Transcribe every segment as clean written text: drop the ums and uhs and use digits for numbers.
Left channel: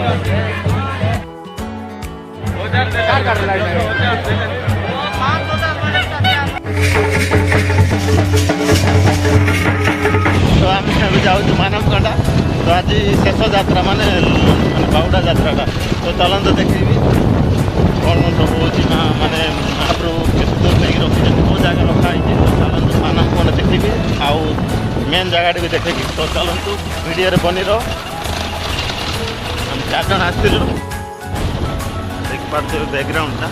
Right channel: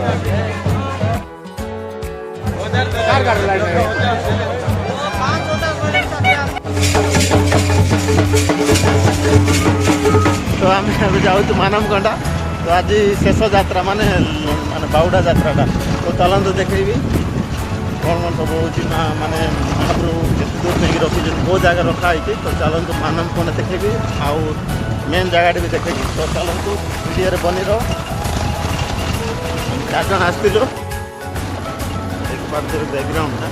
तो आम जाऊँ मानवगंडा। तो आज शेष यात्रा माने बाउडा यात्रा तो चलते देखेबी कौन कौन सब हो माने महाप्रभु केत दूर नहीं रखी कौ जगह रखाई। तो चलतु मानवगंडा देखेबी आउ मेन जगह भी देखेबी। तो चलतु वीडियो बनी रहो। हम 4 जन आसलु देख पार्थे बैकग्राउंड टा।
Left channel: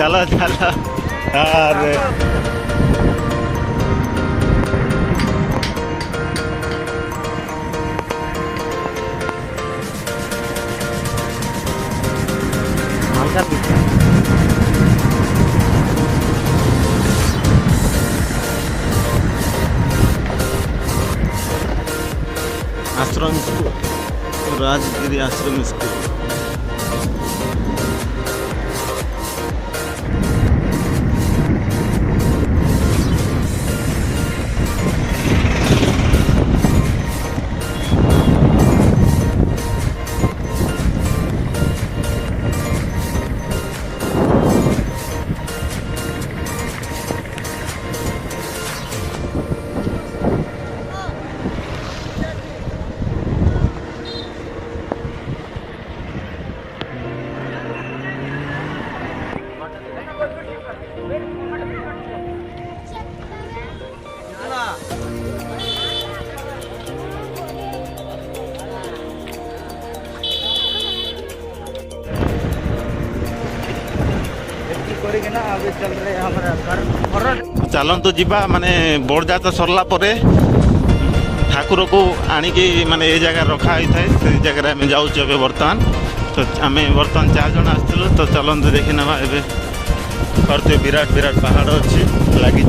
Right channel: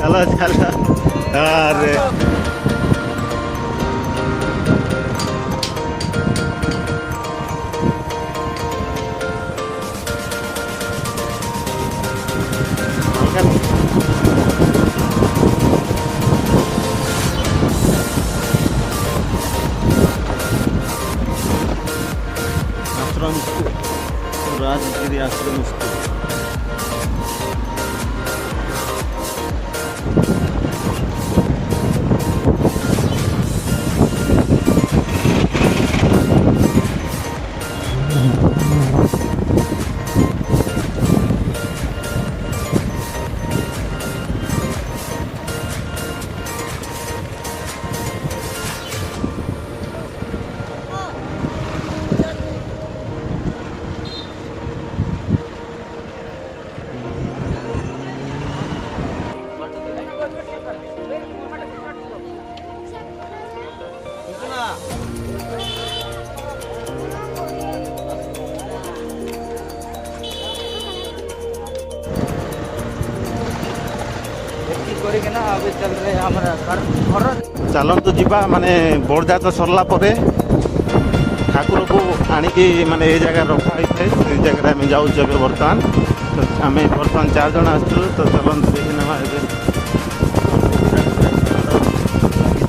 चलो चलो अरे आश्रम स्कूल राजगिरी आश्रम स्कूल। चलतु जीवा माने बड़ जात सरला परे ठाकुर को आणिकी माने ये जगह रखा होता है से जगह आम जाऊँ बर्तमान। तो आम बर्तमान 4 जन आसलु तो चलते देखी ना ए करते विराट विराट पहाड़ अच्छी लगी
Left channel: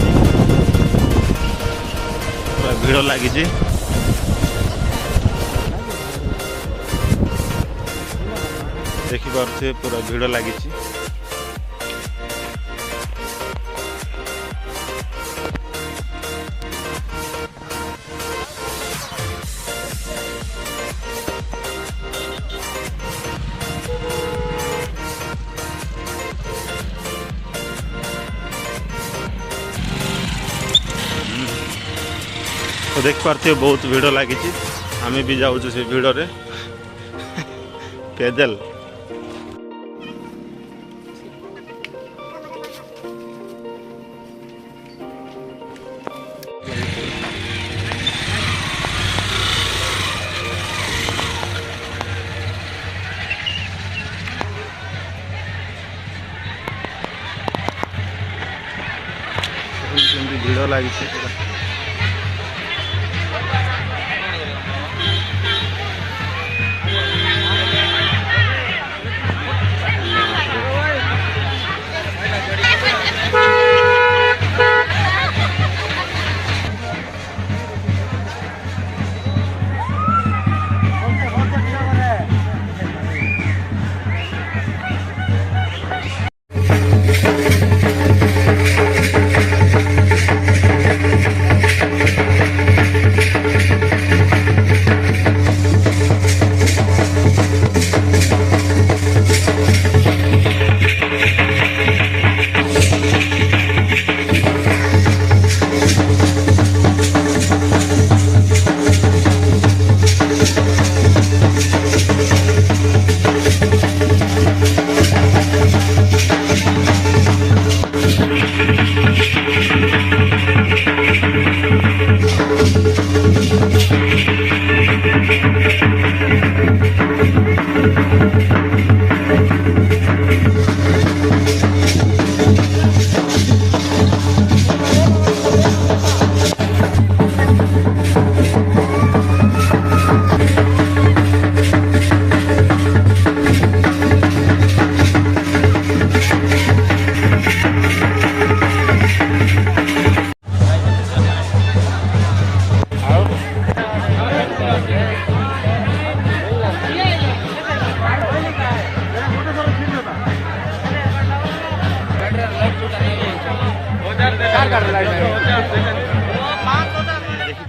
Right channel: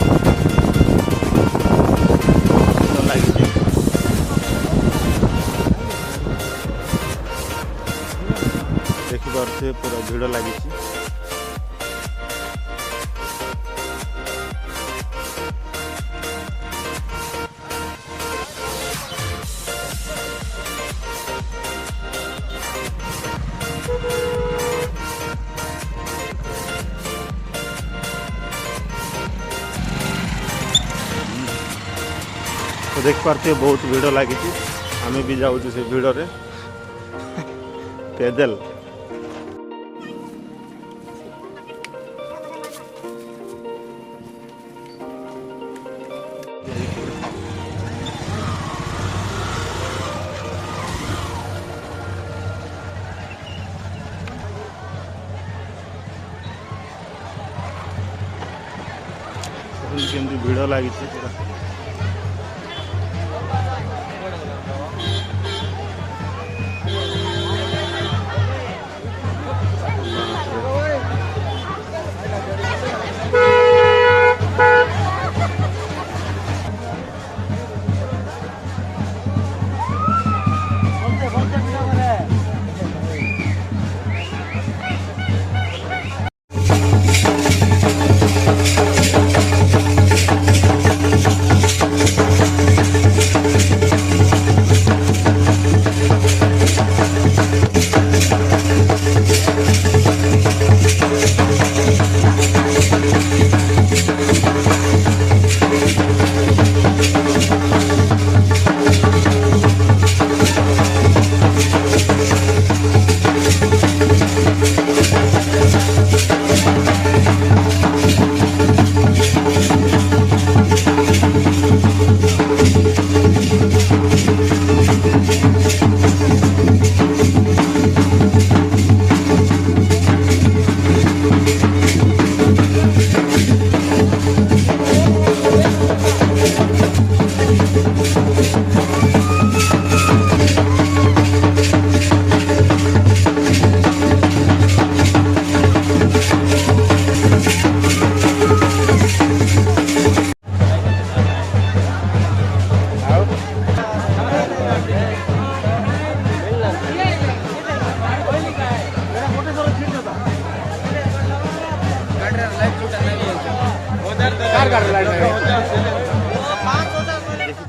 भिड़ लगी देखिपे पूरा भिड़ लगी तो देख पार्थे बहुत भिड़ लगी आम भी जाऊँ से भिड़ रे पैदल। भिड़ लगी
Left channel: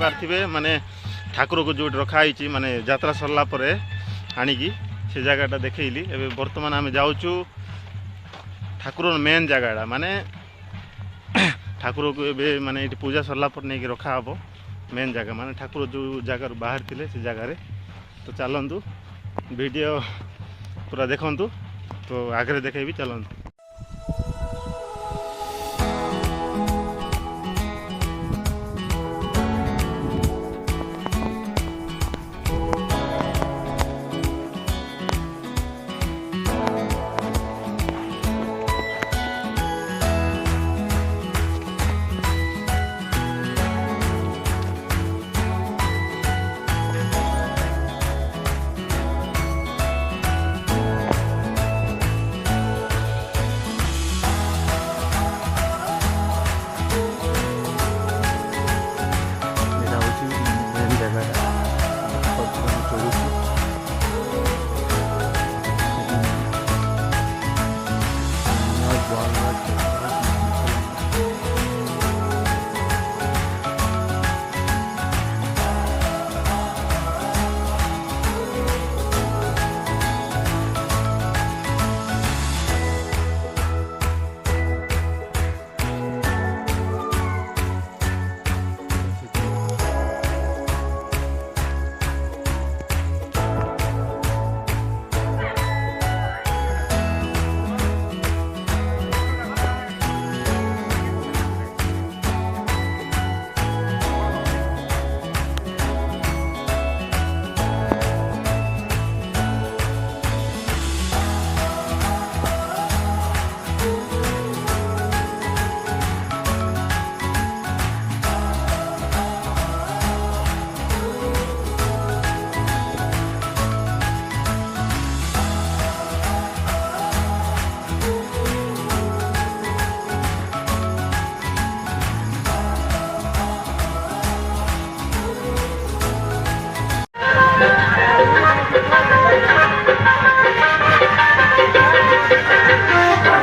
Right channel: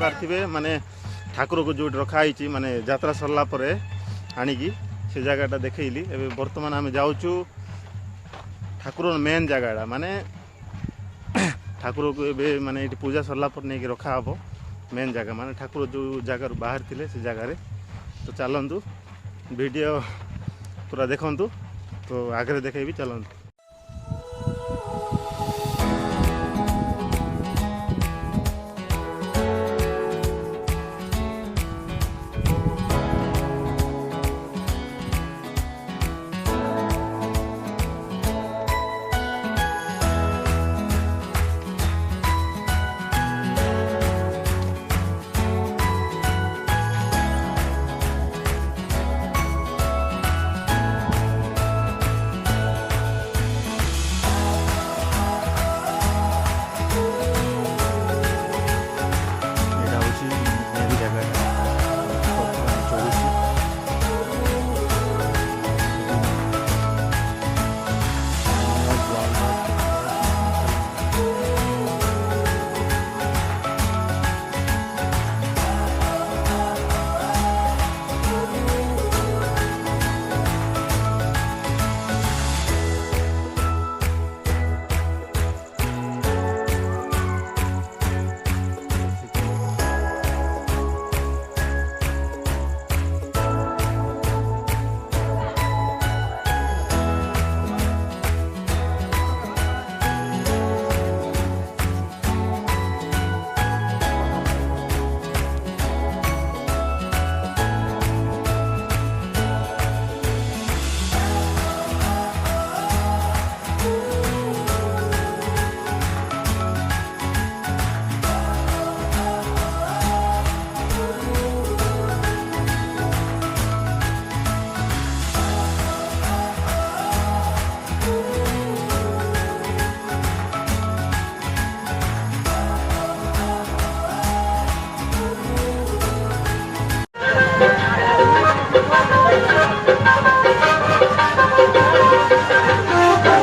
देखिपे माने ठाकुर को जो रखाई माने यात्रा सरला परे आनिकी से जगहटा देखली एवं बर्तमान आम जाऊँ ठाकुर मेन जगहटा माने ठाकुर को ए माने ये पूजा सरला पर नहीं रखा हे मेन जगह माने ठाकुर जो जगार बाहर थे से जगार। तो चलतु वीडियो पूरा देखु तो आगे देखेबी चलतु।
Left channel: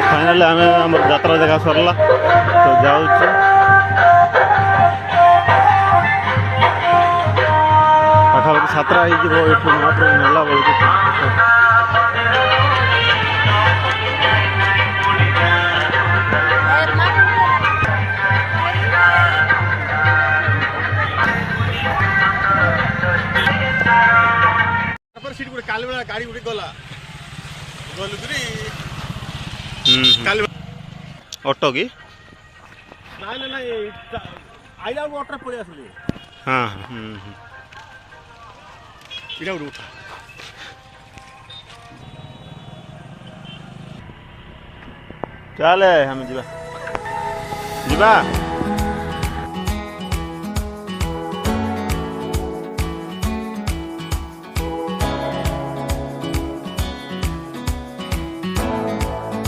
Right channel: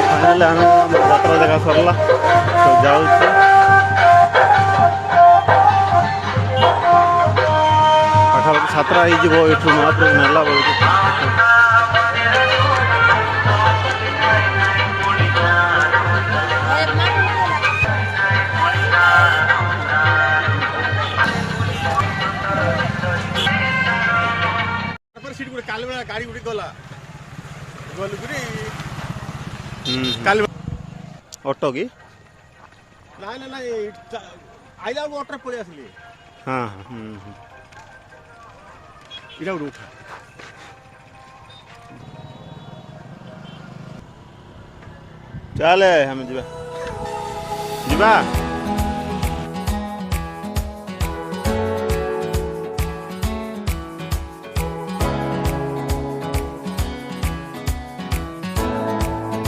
फाइनाली आम आम यात्रा देखा सरला तो जाऊँ पाखापाखि 7टा हो महाप्रभु नेला बेलू गाड़ी गुड़ी गला ऑटो की ना ना ना आइला ऑटो पड़े आसली हाँ इटा उठा चले हम जीवा